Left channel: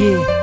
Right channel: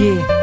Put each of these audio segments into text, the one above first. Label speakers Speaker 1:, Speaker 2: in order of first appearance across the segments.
Speaker 1: 夜。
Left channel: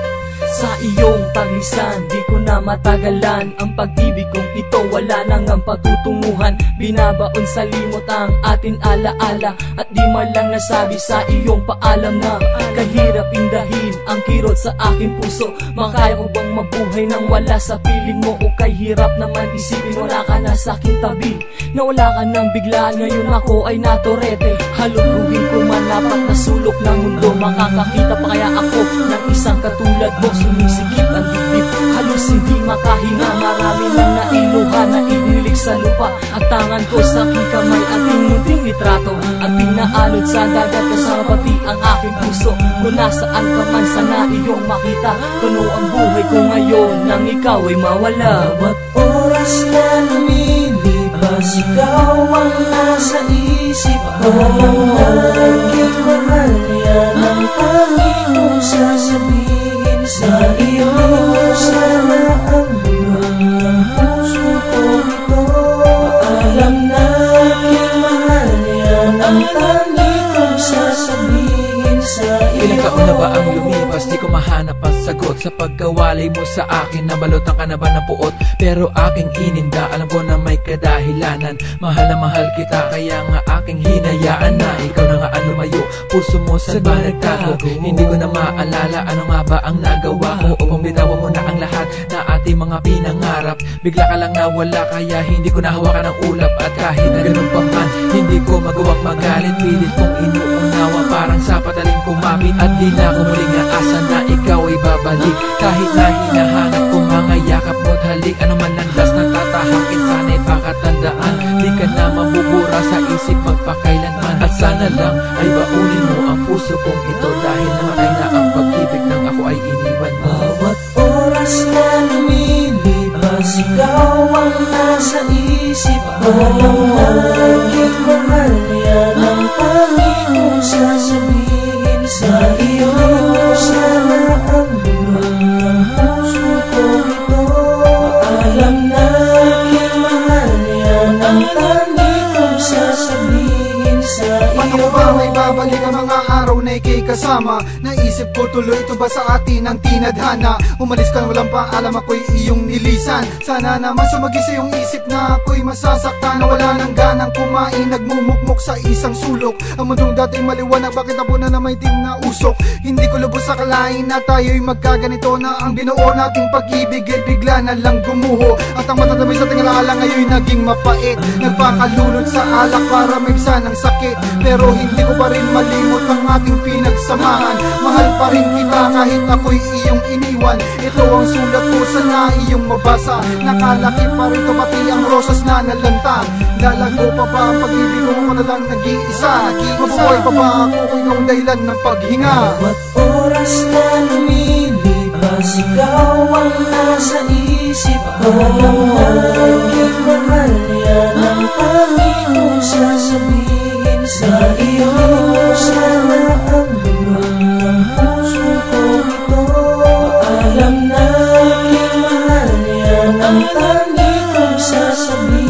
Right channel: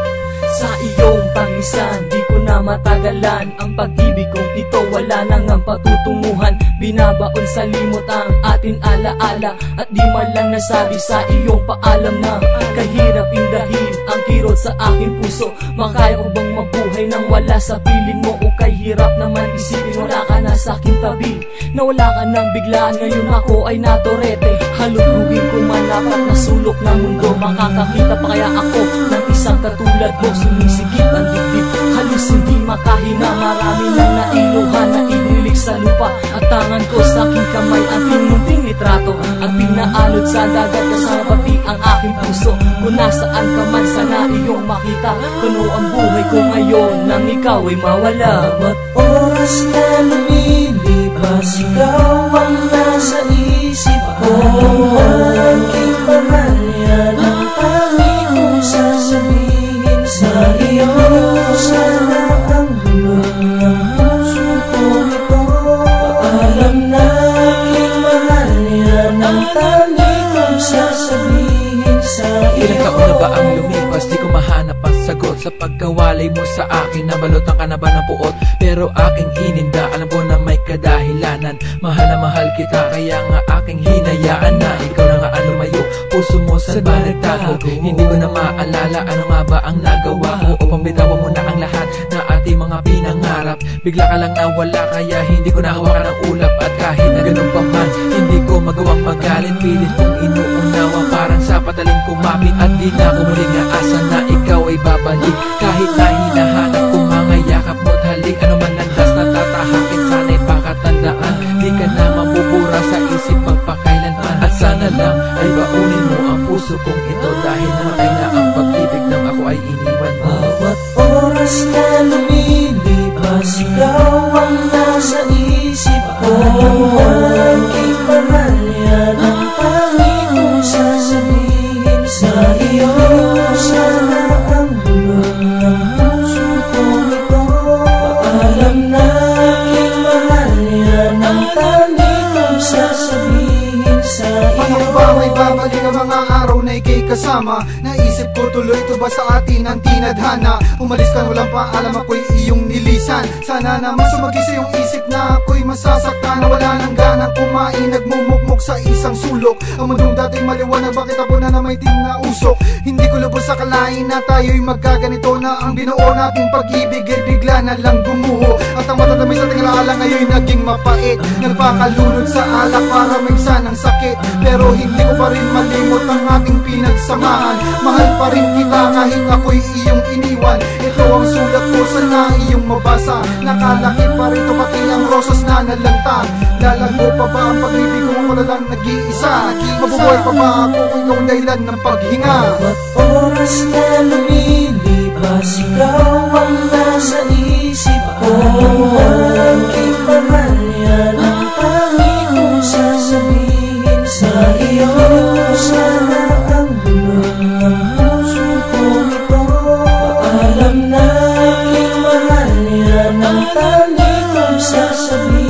Speaker 1: Bilisan Di ko na matagalan. Ang pag-ibig kong ito wala nang ang patutunguhan. Binabaon sa limot ang atin alaala. At di man lang nasabi sa iyong paalam na Kahirap indahin ang kirot sa aking puso. Makaya ko bang mabuhay nang wala sa piling mo? O kahirap naman isipin wala ka na sa aking tabi. Na wala ka nang biglaan ngayon ako ay natorete. Halugugin ko man apat na sulok ng mundo. Makakakita pa kaya ako ng isang katulad mo Sumisigip ang dibdib. Halos hindi makahinga. Marami nang nailuhan na inilig sa lupa. At tangan ko sa aking kamay Aking munting litrato. At pinaalod sa dagat Kasama pati ang aking puso. Kung nasaan ka man sana iyong makita. Kuno ang buhay ko ngayon Nang ikaw ay mawala.
Speaker 2: Bawat ang aming kong sasabihin
Speaker 3: Ilang taon na ba ang lumipas? Di ko mahanap ang sagot Sa pagkawalay mo sa akin. Nabalutan ka na ba ng puot? Pero aking ininda Alam ko na may kadahilanan. Mahal na mahal kita Kaya nga aking hinayaan na Ikaw na nga ang lumayo. Puso mo sa ba nagtago Hindi ko na maalala. Ano nga ba ang nagawa ko Upang bitawan mo na ang lahat Na ating mga pinangarap? Bigla ka lang nawala Kaya hindi ko nahawakan ang ulap. At kahit na ganun pa man Hindi ko magawang magalit Pilit kong inuunawa Parang sa patalim kumapit At di na ako muling aasa na ikaw ay babalik. Kahit na hinahanap ko mga yakap mo't halik Ano man landas na tatahakin Sana'y pakatandaan. Di ka na mabubura sa isip magpakailanman. At sana lang ay baunin mo ang puso kong ito Dahil namatay na ang pag-ibig nang ako ay iniwan mo.
Speaker 2: Bawat oras na lumilipas Ikaw ang nasa isip ko
Speaker 4: babalik ang mga araw na ikay kasama. Naisip ko tuloy ito ba sa atin ang tinadhana? Umalis ka walang paalam ako'y iyong nilisan. Sana naman sumagi sa iyong isip na ako'y masasaktan. Na wala nang ganang kumain Nagmumukmuk sa isang sulok. Ang mundong dating maliwanag bakit ako na may tim na usok? Hindi ko lubos sa kalain na tayo'y magkaganito Na ang binuo nating pag-ibig ay bigla na lang gumuho. At ang matatamis sa tingalaala ngayon naging mapait. Nagpakalunod sa alak para maigsa ng sakit. Pero hindi ko pa rin malimot ang ating pinagsamahan. Mahal pa rin kita kahit ako'y iyong iniwan. Ito ang sulat ko sana iyong mabasa. Nakalaki pa rin to pati ang rosas na nalanta. Lalago pa ba ang pag-ibig kung na lang nag-iisa? Mabubuhay pa ba ako kung ikaw dahilan ng paghinga?
Speaker 2: Bawat oras na lumilipas Ikaw ang nasa isip ko kong sasabihin sa iyo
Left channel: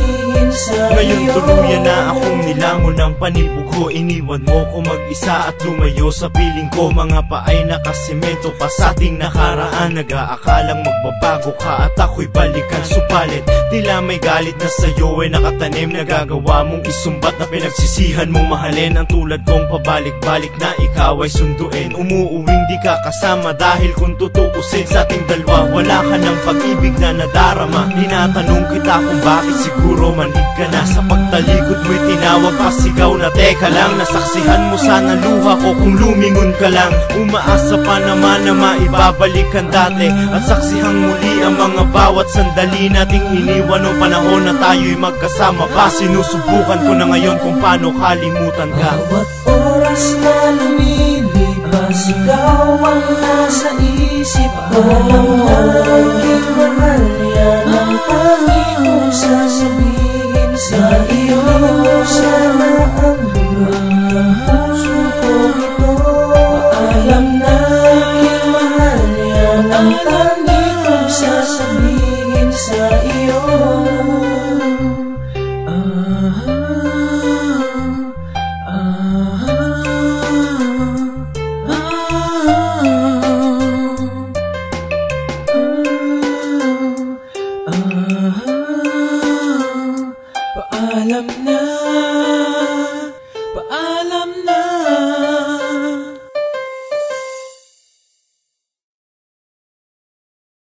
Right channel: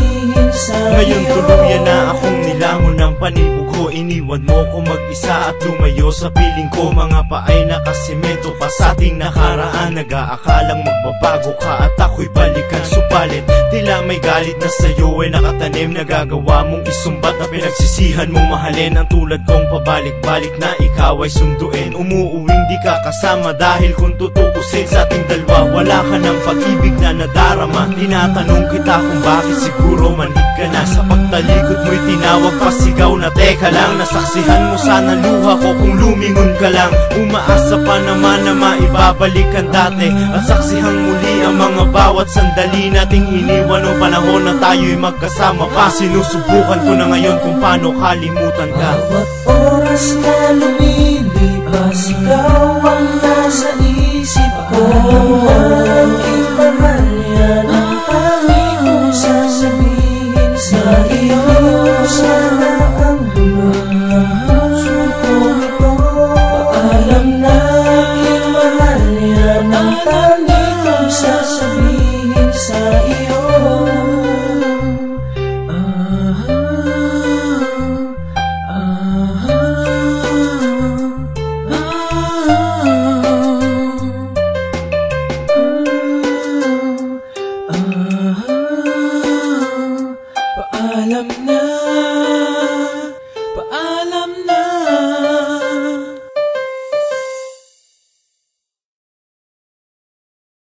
Speaker 5: Ngayon tuluyan na akong nilamon ng panibugho. Iniwan mo ko mag-isa at lumayo sa piling ko. Mga paay nakasimento pa sa ating nakaraan. Nag-aakalang magbabago ka at ako'y balikan. Supalit tila may galit na sa'yo ay nakatanim. Nagagawa mong isumbat na pinagsisihan mong mahalin. Ang tulad kong pabalik-balik na ikaw ay sunduin. Umuuwing di ka kasama dahil kung tutuusin sa ating dalawa Wala ka ng pag-ibig na nadarama. Tinatanong kita kung bakit siguro manhid ka na Sa pagtalikod mo'y tinawag pasigaw na Teka lang, nasaksihan mo sana luha ko kung lumingon ka lang. Umaasa pa naman na maibabalik ang dati At saksihang muli ang mga bawat sandali nating iniwan Nung panahon na tayo'y magkasama pa. Sinusubukan ko na ngayon kung paano kalimutan ka.
Speaker 2: Bawat oras na lumilipas Ikaw ang nasa isip ko. Aking Ang hindi sasabihin sa iyo. Ah, ah, ah,
Speaker 3: Paalam na